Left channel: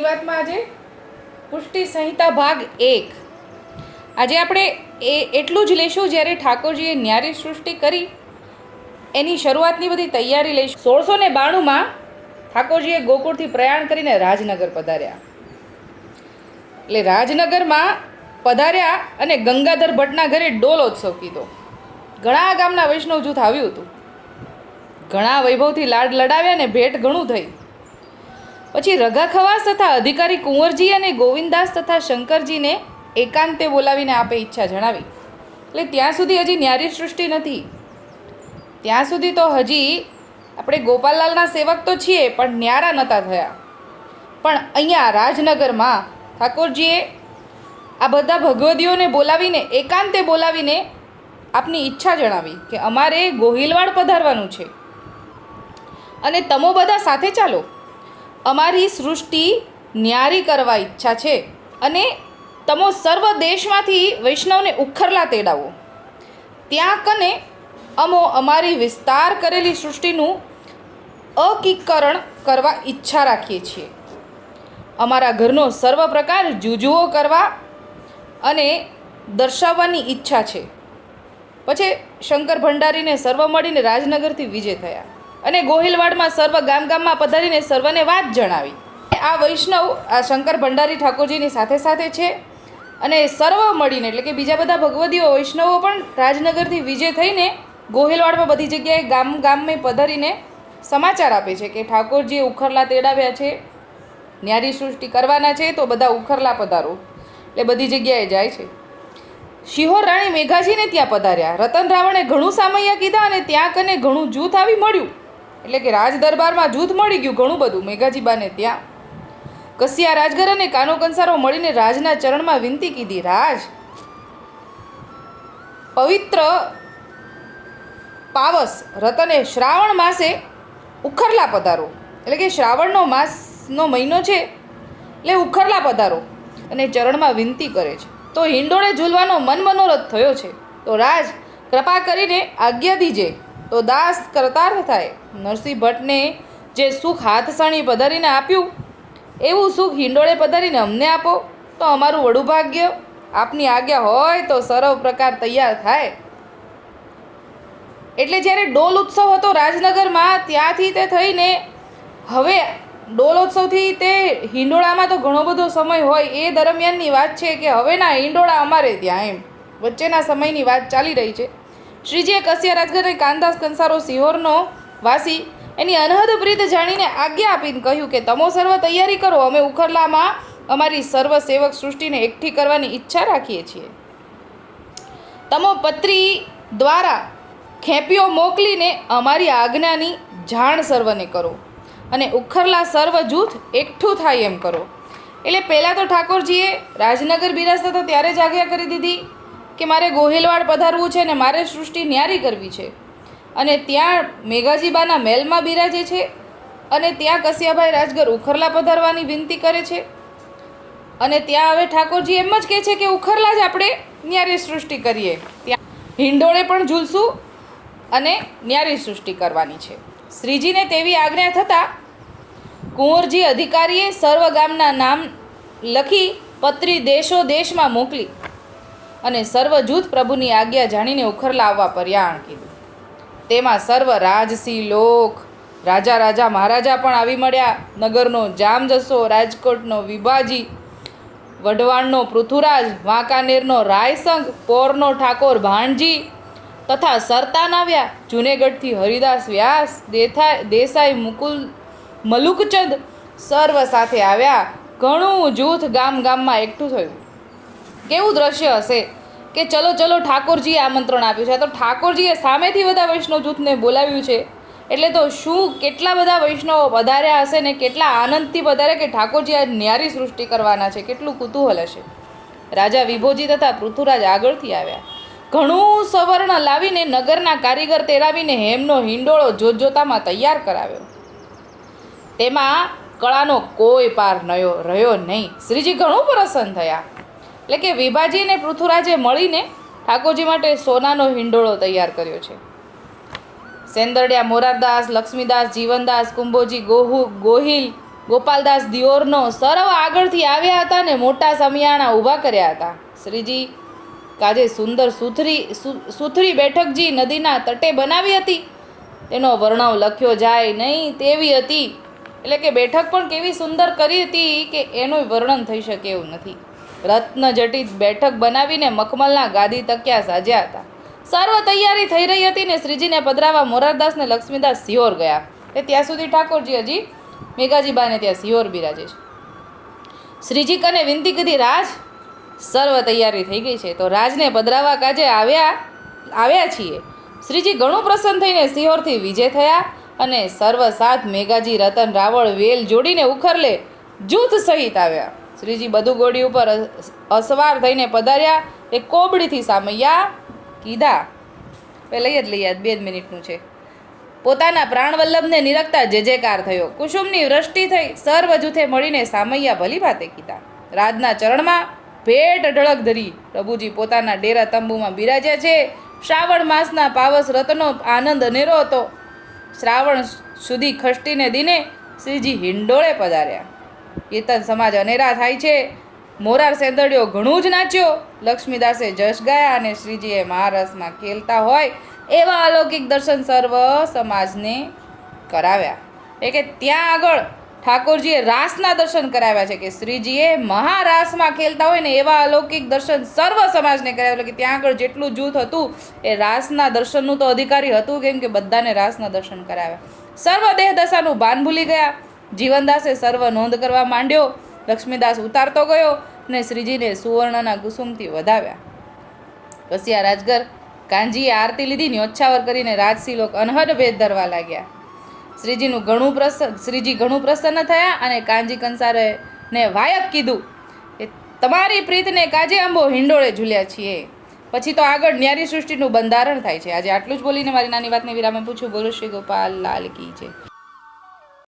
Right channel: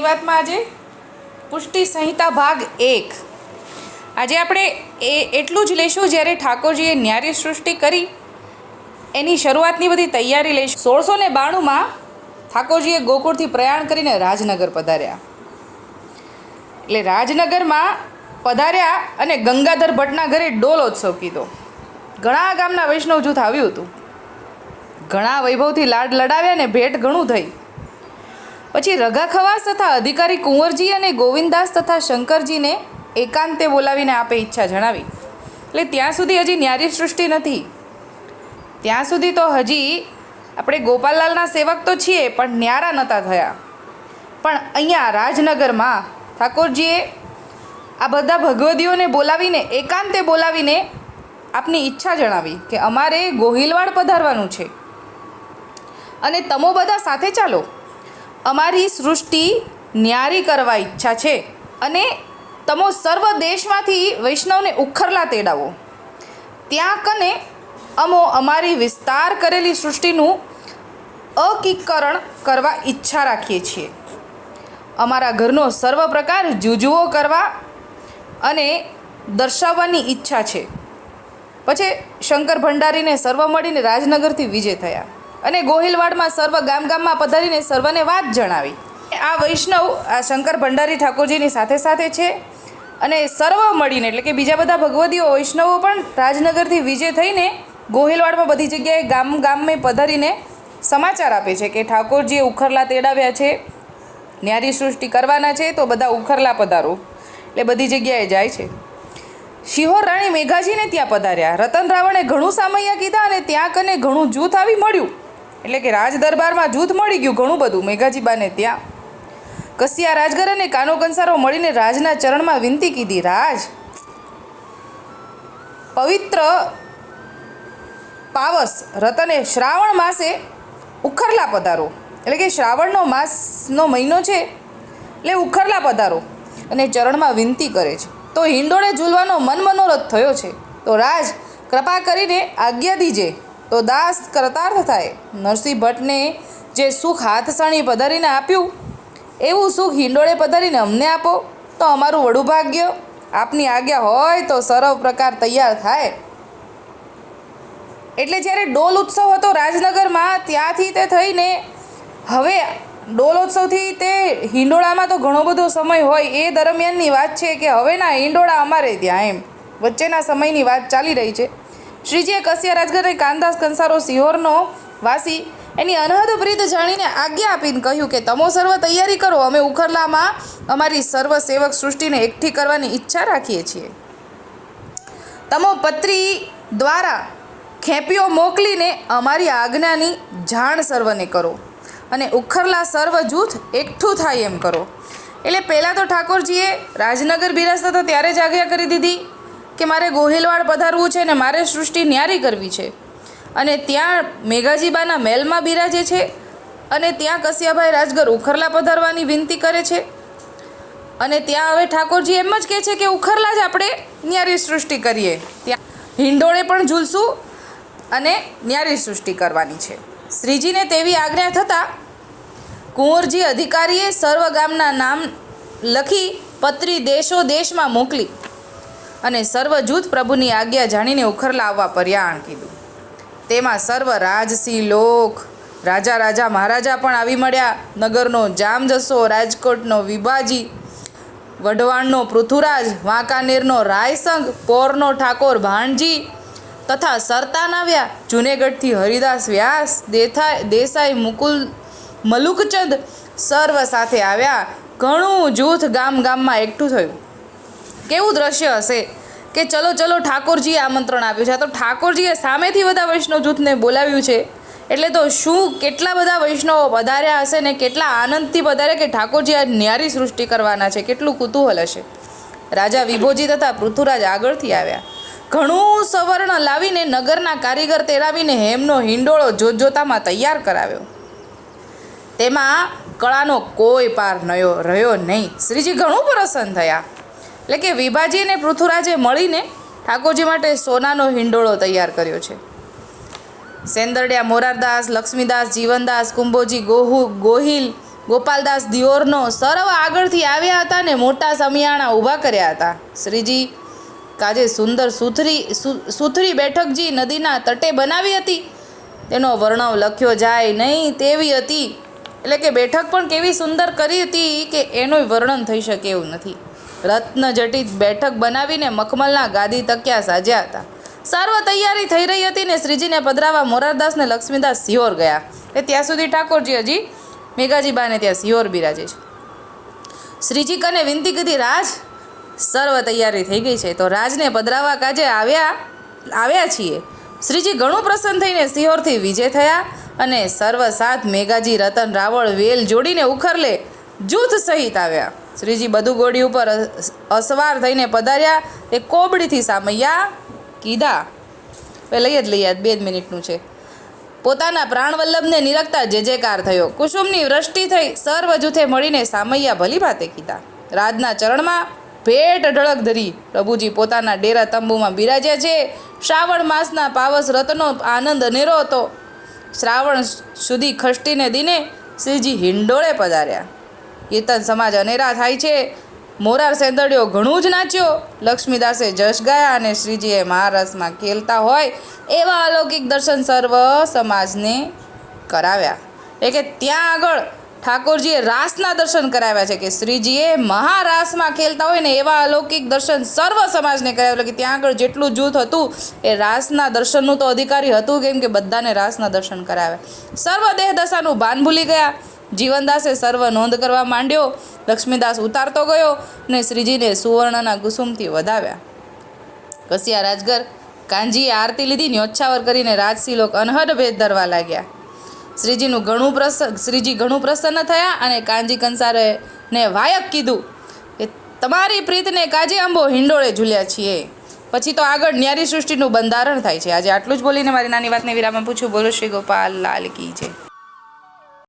વાતમાં આજે પુષ્ટિ સંહિતા ભાગ એક. આજે આપણે એ એટલું જ લઈશું જ્યારે ઠાકોરજીએ ન્યારી સૃષ્ટિ કરી, એની શરૂઆતની બધી તૈયારી લઈશું. સોળસો ને બાણુંમાં ઠાકોરજીએ ગોકુળથી પ્રયાણ કરીને રાજનગર પધાર્યા. એટલે રાજનગરમાં પધાર્યા અને ગંગાધર ભટ્ટના ઘરે ડોલોત્સવ કીધો. ઘણા ગામના વૈષ્ણવ જૂથ આવ્યું હતું. ઘણા વૈભવથી લાડ લડાવ્યા ને ભેટ ઘણું થઈ. પછી રઘા ખવાસ તથા અધિકારી કુંવરજી અને ગોવિંદાસ તથા શંકરજીને એકાંતે બોલાવીને આપે ઈચ્છા જણાવી. એટલે ત્યાં સુધી હજી ન્યારી સૃષ્ટિ નથી. ત્યાં સુધી તો હજી આપણે ગોપાલલાલના સેવક તો છીએ, પણ ન્યારા નહોતા થયા. પણ અહીંયા રાજનગરમાં ઠાકોરજીએ આ બધા ભગવદીઓને બોલાવીને, એકાંતે બોલાવીને આપની ઈચ્છા જણાવી કે અમારે ગોહિલવાડ પધારવાનું છે. અને તમો બધા સાથે ચાલો. અમારી સૃષ્ટિ ન્યારી કરવા ઈચ્છા છે અને તમો સર્વ દેશમાંથી વૈષ્ણવને ઉખરલા તેડાવો. ત્યાં કને અમો અમારી વિસ્તાર કરેલી સૃષ્ટિનું અકીકરણ કરવા ઈચ્છા રાખીએ છીએ. અમારા ઘરનો સર્વ પ્રકાર જુજુઓ કરવા અને દર્શાવવાની ઈચ્છા છે. પછી શંકર ભંડારીને સર્વ મળીને રાજનગરથી વિજય થયા. અને ગોહિલવાડમાં સર્વ ગામ ગામમાં પધારીને સર્વને વાત જણાવી. આ વૈષ્ણવ, આ શંકર ભંડારી ઠાકોરજીની સાથે સાથે છે અને સર્વ મળીને, એટલે કે બીજા બધા ભગવદીઓ, વૈષ્ણવો પણ રાજનગરથી વિજય થઈને ગોહિલવાડમાં બધી જગ્યાએ ગામ ગામમાં પધારીને સમાચાર આપે છે કે ઠાકોરજીએ ઉખરલા તેડાવ્યા છે ન્યારી સૃષ્ટિ કરવાના છે, તો બધા ઉખરલા પધારો. એટલે બધી જગ્યાએ જાય છે. શિહોર રાણી મેઘાજીને ત્યાં પધાર્યા. રતન રાવણે ઘણું સામૈયા કીધા અને ત્યાં કને ઘણું જૂથ આવી મળ્યું. એટલે કે રાજ દરબારમાં જૂથ મળી ગયું ઘણું બધું, મેઘાજીબાને ત્યાં. કસિયા રાજગર અને કાનો કંસારો મળીને રાજના ચરણમાં વિનંતી કીધી, રાજ, પવિત્ર પાવસ રતને શ્રાવણ માસે ઉખરલા પધારો. એટલે કે શ્રાવણનો માસનો મહિનો છે, એટલે ઉખરલા પધારો અને ચરણમાં વિનંતી કરે છે. તો હિંડોળે ઝૂલવાનો મન મનોરથ થયો છે. તો રાજ, કૃપા કરીને આજ્ઞા દીજે. તો દાસ કરતાર્થ થાય નરસિંહ ભટ્ટને જે સુખ હાથસણી પધારીને આપ્યું, એવું સુખ હિંડોળે પધારીને અમને આપો, તો અમારું વડું ભાગ્ય, આપની આજ્ઞા હોય તો સર્વ પ્રકાર તૈયાર થાય. એટલે જ્યારે ડોલ ઉત્સવ હતો રાજનગરમાં, ત્યાંથી તે થઈને હવે ડોલ ઉત્સવથી તે હિંડોળામાં તો ઘણો બધો સમય હોય, એ દરમિયાનની વાત છે કે હવેના હિંડોળા અમારે ત્યાં એમ. વચ્ચેના સમયની વાત ચાલી રહી છે. શ્રીજીએ કસિયા રાજગરે કાનદાસ કંસારો સિહોરનો વાસી એની અનહદ પ્રીત જાણીને આજ્ઞા આપીને કહ્યું કે, તમો સર્વ તૈયારી કરો. અમે ઉખરલામાં અમારી સર્વ સેવક સૃષ્ટિને એકઠી કરવાની ઈચ્છા રાખીએ છીએ. તમો પત્રી દ્વારા ખેપીઓ મોકલીને અમારી આજ્ઞાની જાણ સર્વને કરો અને ઉખરલા સર્વ જૂથ એકઠું થાય એમ કરો. એટલે પહેલાં તો ઠાકોરજીએ રાજનગર બિરાજતા તો ત્યારે જ આજ્ઞા કરી દીધી. કે મારે ગોહિલવાડ પધારવું છે ને મારે સૃષ્ટિ ન્યારી કરવી છે. અને ત્યાં મેઘાજીબાના મહેલમાં બિરાજે છે અને ત્યાં કસિયાભાઈ રાજગર ઉખરલા પધારવાની વિનંતી કરે છે. અને ત્યાં હવે ઠાકોરજી એમ જ કહે છે કે ઉખરલા જ આપણે ન્યારી સૃષ્ટિ કરીએ. ત્યાં હિંડોળે પણ ઝૂલશું અને ન્યારી સૃષ્ટિ કરવાની છે. શ્રીજીને તેવી આજ્ઞા થતાં કુંવરજી અધિકારીએ સર્વ ગામના નામ લખી પત્રી દેશો દેશમાં મોકલી અને સર્વ જૂથ પ્રભુની આજ્ઞા જાણીને ઉખરલા આવવા પર્યાણ કીધું. તેમાં સર્વ રાજસિંહ લોક, રાજા રાજા મહારાજા પણ આવી મળ્યા. નગરનો જામજસો, રાજકોટનો વિભાજી, વઢવાણનો પૃથુરાજ વાંકાનેરનો રાયસંગ પોરનો ઠાકોર ભાણજી તથા સરતાન આવ્યા. જુનેગઢથી હરિદાસ વ્યાસ, દેથાય, દેસાઈ મુકુલ, મલુકચંદ સર્વ સાથે આવ્યા. ઘણું જૂથ ગામ ગામમાં એકઠું થયું. કેવું દ્રશ્ય હશે? કે ચલો ચલો, ઠાકોરજીએ આમંત્રણ આપ્યું છે. તો ઠાકોરજીએ સામેથી બધા વૈષ્ણવ જૂથને બોલાવ્યું છે. એટલે તો શું કેટલા બધા વૈષ્ણવો વધાર્યા હશે ને કેટલા આનંદથી વધારે કે ઠાકોરજી આ ન્યારી સૃષ્ટિ કરવાના છે? કેટલું કુતૂહલ હશે? રાજા વિભોજી તથા પૃથુરાજ આગળથી આવ્યા. ઘણું સવર્ણ લાવીને નગરના કારીગર તેડાવીને હેમનો હિંડોળો જોતજોતામાં તૈયાર કરાવ્યો. તેમાં કળાનો કોઈ પાર નયો, રહ્યો નહીં. શ્રીજી ઘણું પ્રસન્ન થયા. એટલે કે વિભાજી અને પૃથુરાજે મળીને ઠાકોરજી માટે સોનાનો હિંડોળો તૈયાર કર્યો છે. સેંદરડિયા મોરારદાસ, લક્ષ્મીદાસ, જીવનદાસ, કુંભોજી, ગોહુ, ગોહિલ, ગોપાલદાસ, દિયોરનો સર્વ આગળથી આવ્યા હતા ને મોટા સમિયાણા ઊભા કર્યા હતા. શ્રીજી કાજે સુંદર સુથરી સુથરી બેઠકજી નદીના તટે બનાવી હતી. તેનો વર્ણવ લખ્યો જાય નહીં તેવી હતી. એટલે કે બેઠક પણ કેવી સુંદર કરી હતી કે એનું વર્ણન થઈ શકે એવું નથી. રત્ન જટિત બેઠક બનાવીને મખમલના ગાદી તક્યા સાજ્યા હતા. સર્વ તૈયારી થઈ રહી હતી ને શ્રીજીને પધરાવા મોરારદાસને લક્ષ્મીદાસ સિયોર ગયા. એ ત્યાં સુધી ઠાકોરજી હજી મેઘાજીબાને ત્યાં સિયોર બિરાજે છે. શ્રીજી કને વિનંતી કીધી, રાજ સર્વ તૈયારી થઈ ગઈ છે, તો રાજને પધરાવા કાજે આવ્યા આવ્યા છીએ? શ્રીજી ઘણું પ્રસન્ન થઈને સિહોરથી વિજય થયા અને સર્વ સાથ મેઘાજી, રતન, રાવળ, વેલ જોડીને ઉખરલે જૂથ સહિત આવ્યા. શ્રીજી બધું ગોળી ઉપર અસ- અસવાર થઈને પધાર્યા. એ કોબડીથી સામૈયા કીધા. એ લઈ જ લઈએ બે જ મિનિટનું છે. પોતાના પ્રાણવલ્લભને નિરખતા જે જેકાર થયો. કુસુમની વૃષ્ટિ થઈ સર્વ જૂથે મળીને સામૈયા ભલી ભાતે કીધા. રાજના ચરણમાં ભેટ ઢળક ધરી પ્રભુજી પોતાના ડેરા તંબુમાં બિરાજ્યા છે. શ્રાવણ માસના પાવસ રતનો આનંદ અનેરો હતો. શ્રાવણ સુધી ખષ્ટીને દિને શ્રીજી હિંડોળે પધાર્યા. કીર્તન સમાજ અનેરા થાય છે. મોરાર સેંદડિયો ઘણું જ નાચ્યો. લક્ષ્મીદાસે જશ ગાયા અને શ્રીજીએ મહારસમાં ખેલતા હોય એવા અલૌકિક દર્શન સર્વ સમાજને કરાવ્યા. એટલે કે ત્યાં આગળ ઠાકોરજીએ રાસના દર્શન કરાવ્યા છે કે શ્રીજીએ મહારાસમાં ખેલતા હોય ને એવા અલૌકિક દર્શન સર્વ સમાજને કરાવ્યા. એટલે કે ત્યાં આગળ જેટલું જૂથ હતું એ રાસના દર્શનનું તો અધિકારી હતું કેમ કે બધાને રાસના દર્શન કરાવ્યા. સર્વ દેહ દશાનું ભાન ભૂલી ગયા. જીવનદાસે સર્વ નોંધ કરવા માંડ્યો. લક્ષ્મીદાસ ઉતારતો ગયો ને શ્રીજીને સુવર્ણના કુસુમથી વધાવ્યા. કસિયા રાજગર કાંજીએ આરતી લીધી ન્યોચ્છાવર કરીને રાજસિલોક અનહદ ભેદ ધરવા લાગ્યા. શ્રીજીનું ઘણું પ્રસન્ન શ્રીજી ઘણું પ્રસન્ન થયા અને કાંજી કંસારે ને વાયક કીધું કે, તમારી પ્રીતને કાજે અંબો હિંડોળે ઝૂલ્યા છીએ. પછી તો આગળ ન્યારી સૃષ્ટિનું બંધારણ થાય છે. આજે આટલું જ બોલીને મારી નાની વાતને વિરામમાં પૂછું. બોલો શ્રી ગોપાલ, લાલ કી છે